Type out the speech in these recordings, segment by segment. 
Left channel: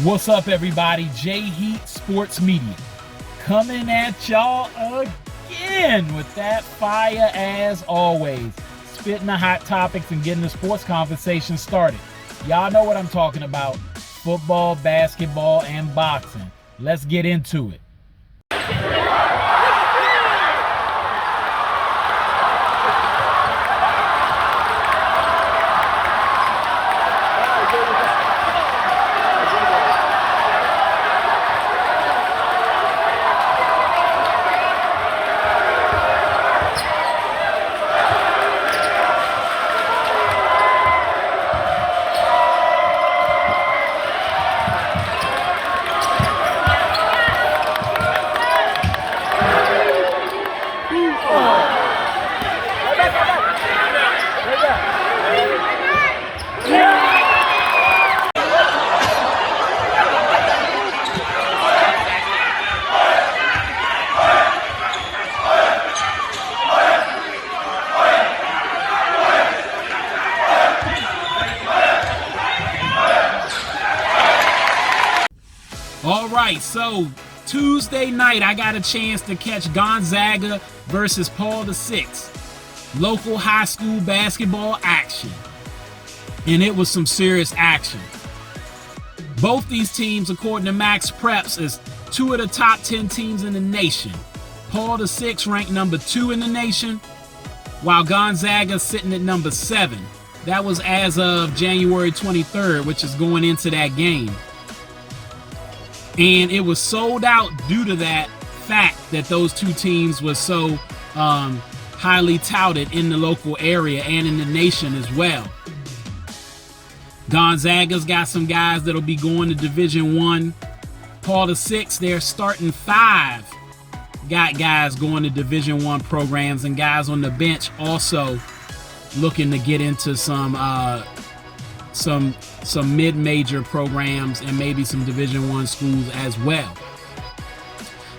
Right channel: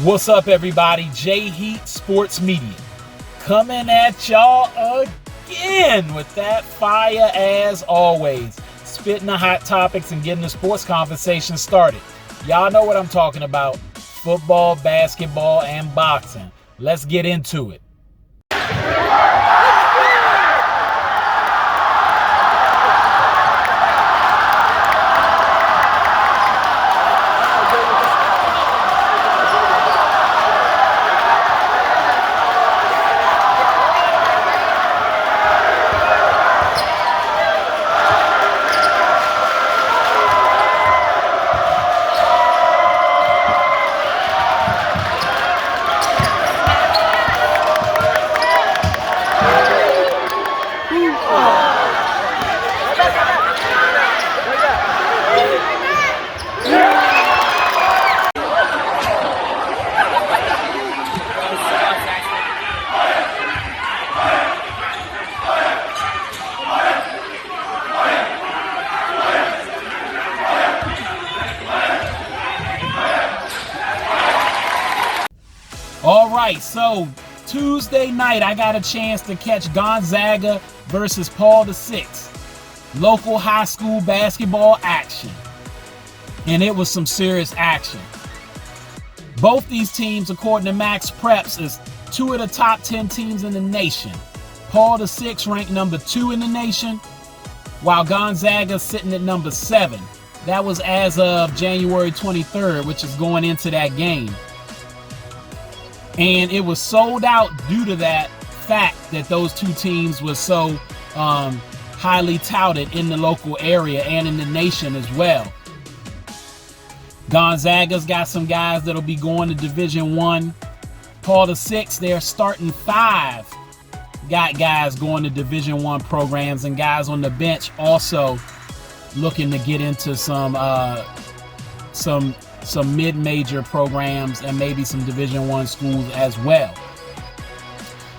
What's up, everybody? J Heat SportsMedia coming at y'all again with that fire as always. Spitting the hot topics and getting the sports conversation started. Y'all know what I'm talking about. Football, basketball, and boxing. Let's get into it. All right, so Tuesday night, I got a chance to catch Gonzaga versus Paul VI. Local high school basketball action. And it was some serious action. Both these teams, according to Max Preps, is two of the top 10 teams in the nation. Paul VI ranked number 2 in the nation, while Gonzaga sitting at number 7. That was as of January 23rd, which is going into that game. And it was sold out due to that fact that those two teams were so highly touted in the local area and in the nation as well. Gonzaga's got some guys that'll be going to Division I. Paul VI, their starting 5 got guys going to Division I programs, and guys on the bench also looking to get into some mid-major programs and maybe some Division I schools as well.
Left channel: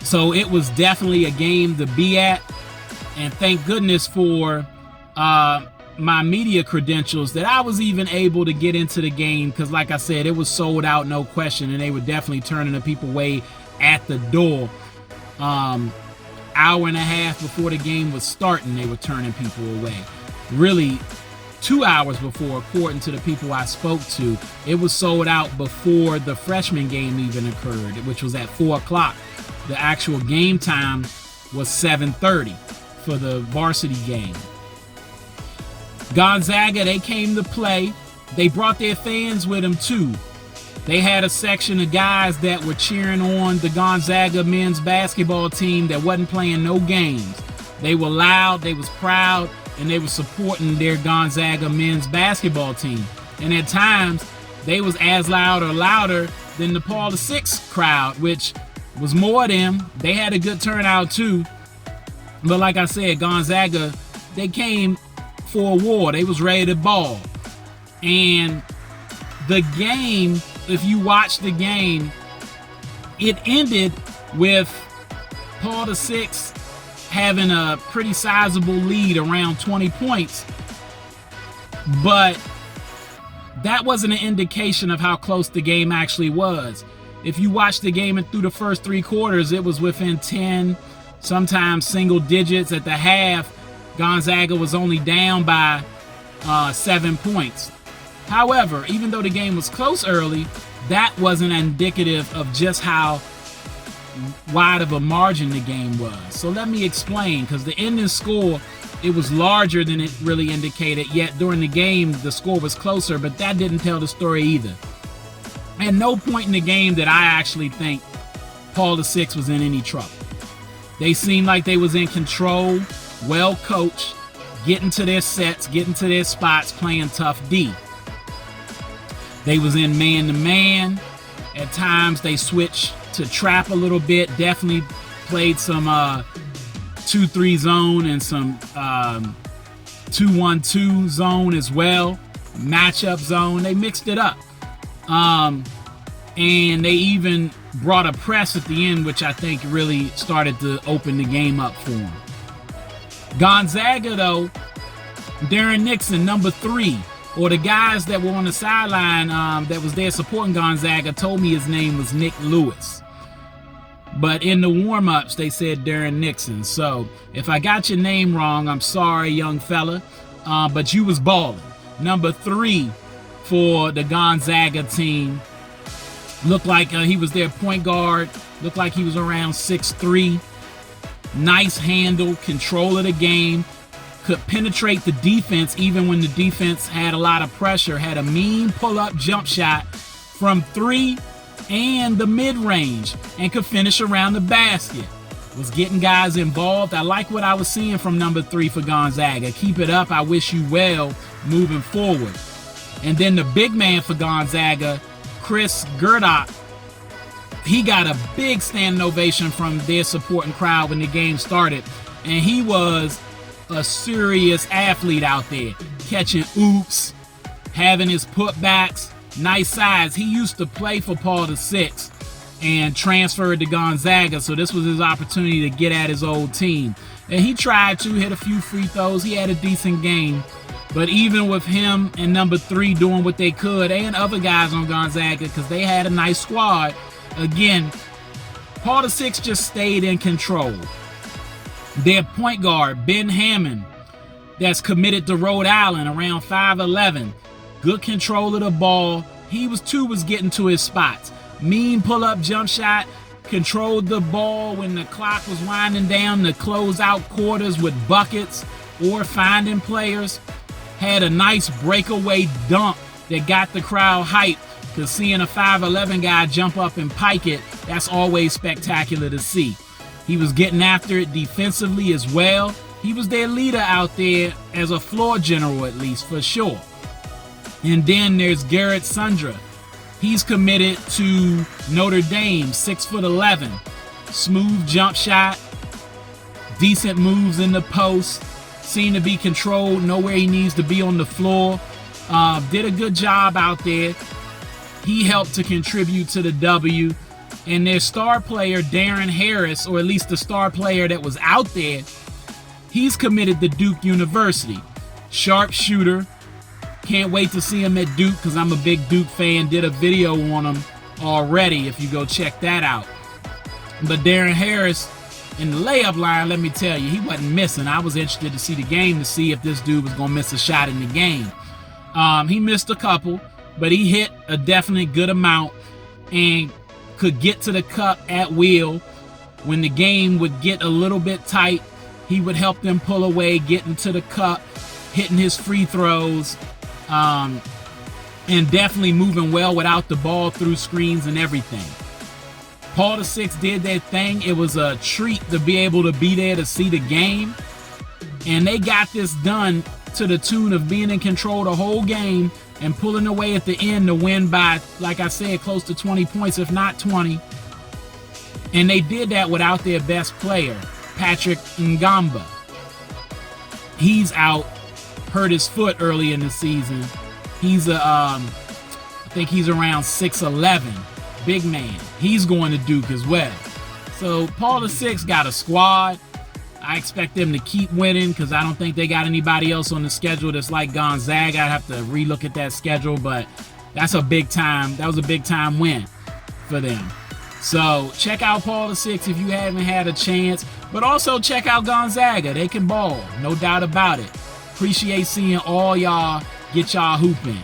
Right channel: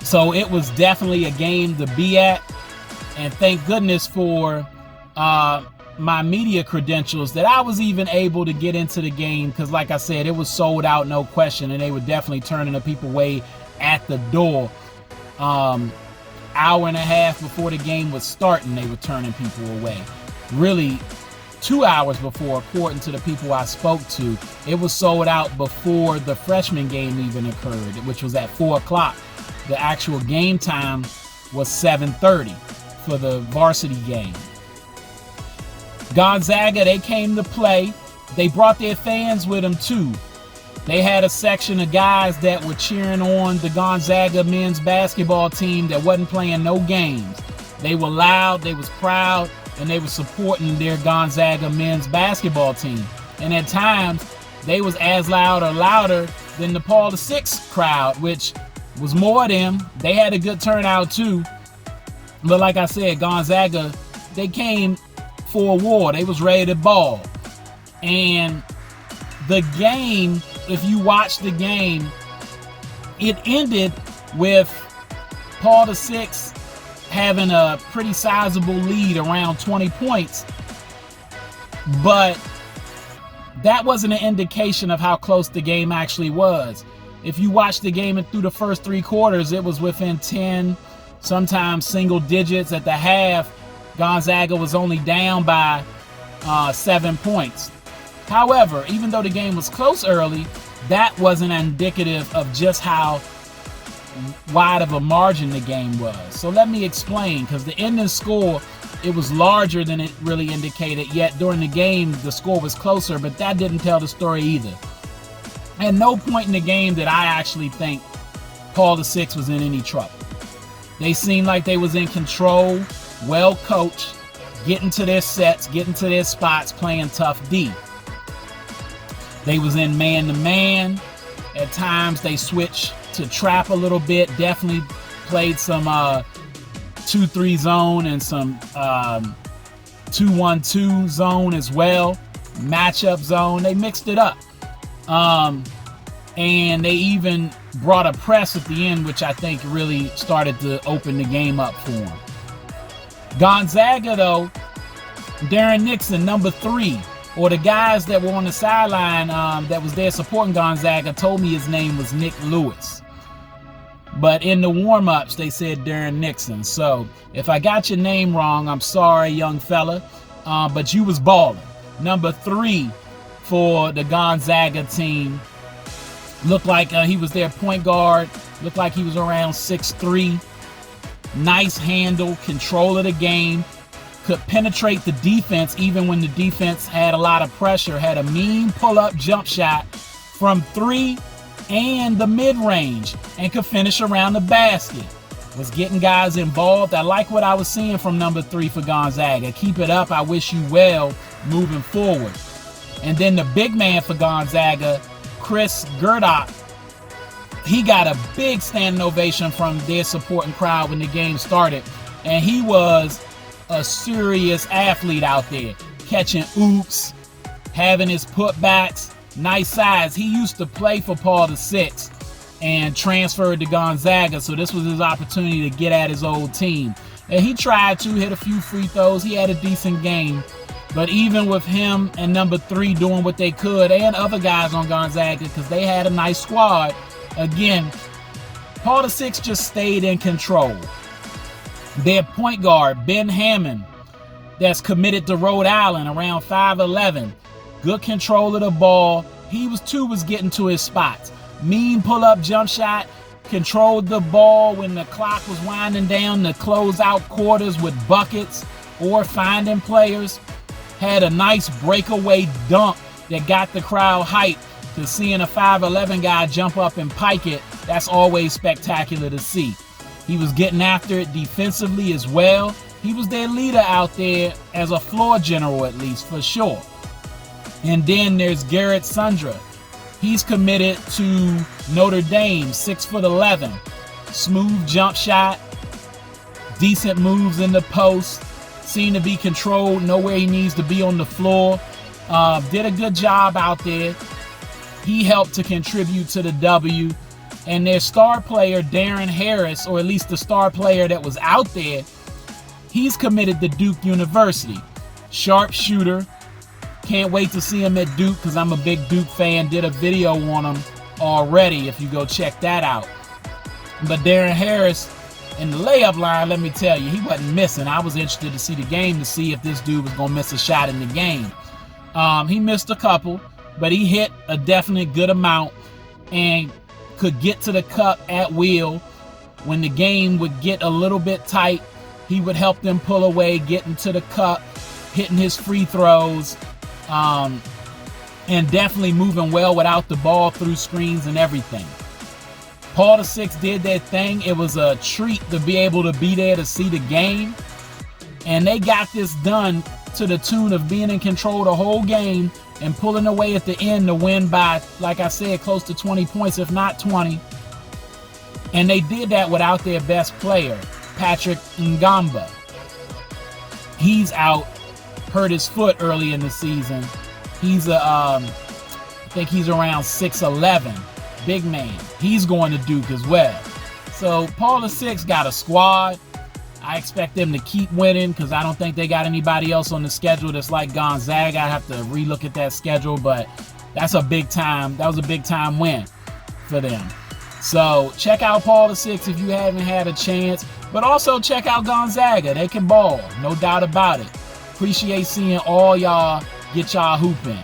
So it was definitely a game to be at, and thank goodness for my media credentials that I was even able to get into the game, because like I said, it was sold out, no question, and they were definitely turning the people away at the door. Hour and a half before the game was starting, they were turning people away. Really, 2 hours before, according to the people I spoke to. It was sold out before the freshman game even occurred, which was at 4 o'clock. The actual game time was 7:30 for the varsity game. Gonzaga, they came to play. They brought their fans with them too. They had a section of guys that were cheering on the Gonzaga men's basketball team that wasn't playing no games. They were loud, they was proud, and they were supporting their Gonzaga men's basketball team. And at times, they was as loud or louder than the Paul VI crowd, which was more of them. They had a good turnout too. But like I said, Gonzaga, they came for a war. They was ready to ball. And the game, if you watch the game, it ended with Paul VI having a pretty sizable lead, around 20 points. But that wasn't an indication of how close the game actually was. If you watch the game and through the first 3 quarters, it was within 10, sometimes single digits. At the half, Gonzaga was only down by 7 points. However, even though the game was close early, that wasn't indicative of just how wide of a margin the game was. So let me explain, because the ending score, it was larger than it really indicated, yet during the game the score was closer, but that didn't tell the story either. At no point in the game did I actually think Paul VI was in any trouble. They seemed like they was in control, well coached, getting to their sets, getting to their spots, playing tough D. They was in man-to-man. At times they switched to trap a little bit, definitely played some 2-3 zone and some 2-1-2 zone as well, matchup zone. They mixed it up. And they even brought a press at the end, which I think really started to open the game up for them. Gonzaga, though, Darren Nixon, number 3, or the guys that were on the sideline that was there supporting Gonzaga told me his name was Nick Lewis. But in the warm-ups, they said Darren Nixon. So if I got your name wrong, I'm sorry, young fella. But you was balling. Number 3 for the Gonzaga team. Looked like he was their point guard. Looked like he was around 6'3". Nice handle, control of the game. Could penetrate the defense even when the defense had a lot of pressure. Had a mean pull-up jump shot from 3 and the mid-range, and could finish around the basket. Was getting guys involved. I like what I was seeing from number 3 for Gonzaga. Keep it up. I wish you well moving forward. And then the big man for Gonzaga, Chris Gerdock, he got a big standing ovation from their supporting crowd when the game started. And he was a serious athlete out there, catching oops, having his putbacks, nice size. He used to play for Paul VI and transferred to Gonzaga, so this was his opportunity to get at his old team. And he tried to hit a few free throws. He had a decent game. But even with him and number 3 doing what they could, and other guys on Gonzaga, because they had a nice squad, again, Paul VI just stayed in control. Their point guard, Ben Hammond, that's committed to Rhode Island, around 5'11". Good control of the ball. He was getting to his spots. Mean pull-up jump shot. Controlled the ball when the clock was winding down to close out quarters with buckets or finding players. Had a nice breakaway dunk that got the crowd hyped, because seeing a 5'11" guy jump up and pike it, that's always spectacular to see. He was getting after it defensively as well. He was their leader out there as a floor general, at least, for sure. And then there's Garrett Sundra. He's committed to Notre Dame, 6'11". Smooth jump shot, decent moves in the post, seemed to be controlled, know where he needs to be on the floor. Did a good job out there. He helped to contribute to the W. And their star player, Darren Harris, or at least the star player that was out there, he's committed to Duke University. Sharp shooter. Can't wait to see him at Duke, because I'm a big Duke fan. Did a video on him already, if you go check that out. But Darren Harris, in the layup line, let me tell you, he wasn't missing. I was interested to see the game to see if this dude was going to miss a shot in the game. He missed a couple, but he hit a definite good amount and could get to the cup at will. When the game would get a little bit tight, he would help them pull away, getting to the cup, hitting his free throws, and definitely moving well without the ball, through screens and everything. Paul VI did their thing. It was a treat to be able to be there to see the game. And they got this done to the tune of being in control the whole game and pulling away at the end to win by, like I said, close to 20 points, if not 20. And they did that without their best player, Patrick Ngamba. He's out, hurt his foot early in the season. He's I think he's around 6'11", big man. He's going to Duke as well. So Paul VI got a squad. I expect them to keep winning, because I don't think they got anybody else on the schedule that's like Gonzaga. I have to relook at that schedule, but that's a big time. That was a big time win for them. So check out Paul VI if you haven't had a chance, but also check out Gonzaga. They can ball, no doubt about it. Appreciate seeing all y'all get y'all hooping.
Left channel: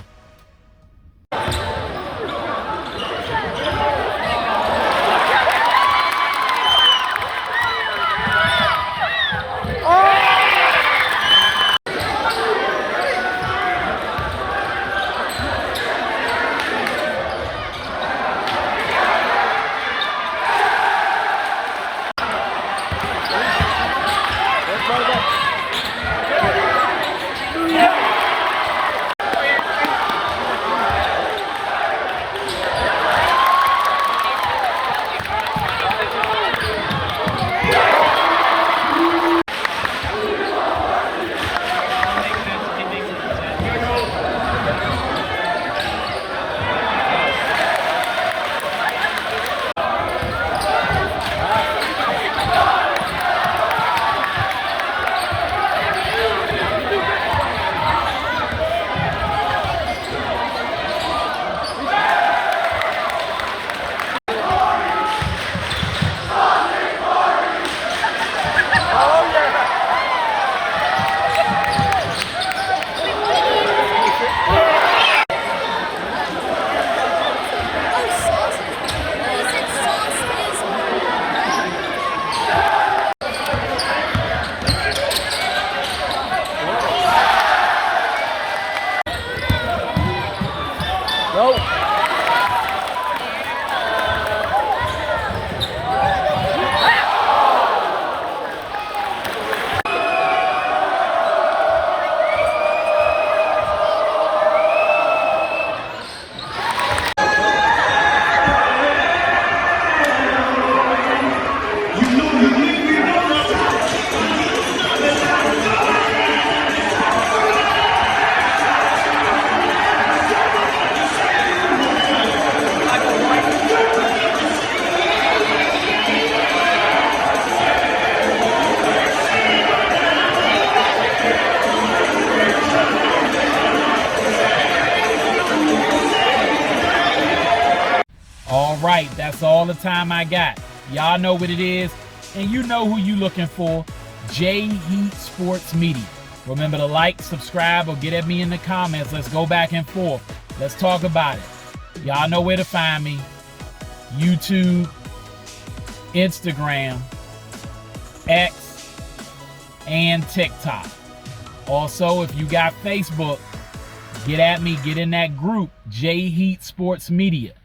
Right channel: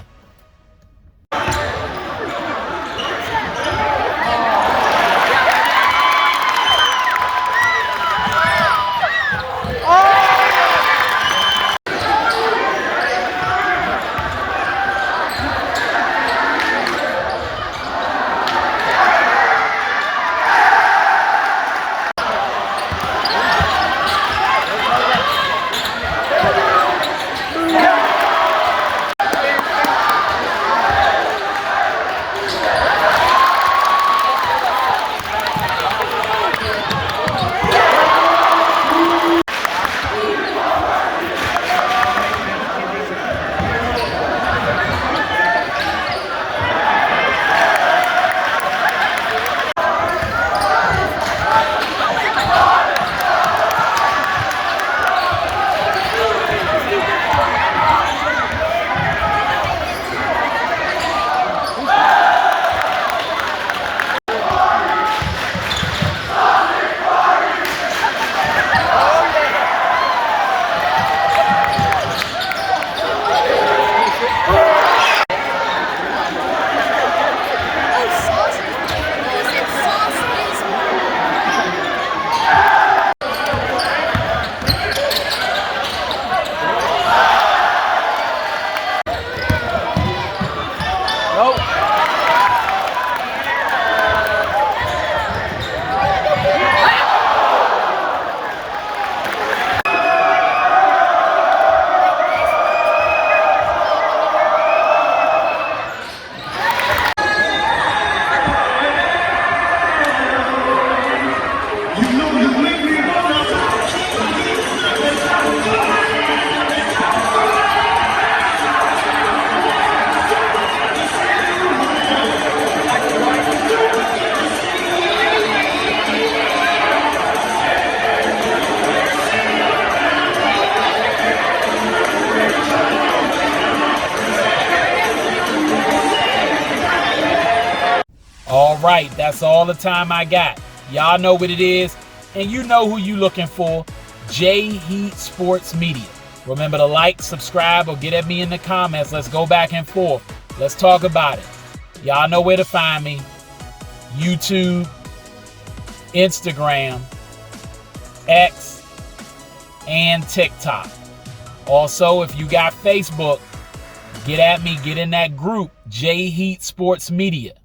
right, that's all the time I got. Y'all know what it is, and you know who you looking for. J Heat Sports Media. Remember to like, subscribe, or get at me in the comments. Let's go back and forth. Let's talk about it. Y'all know where to find me. YouTube, Instagram, X, and TikTok. Also, if you got Facebook, get at me, get in that group, J Heat Sports Media.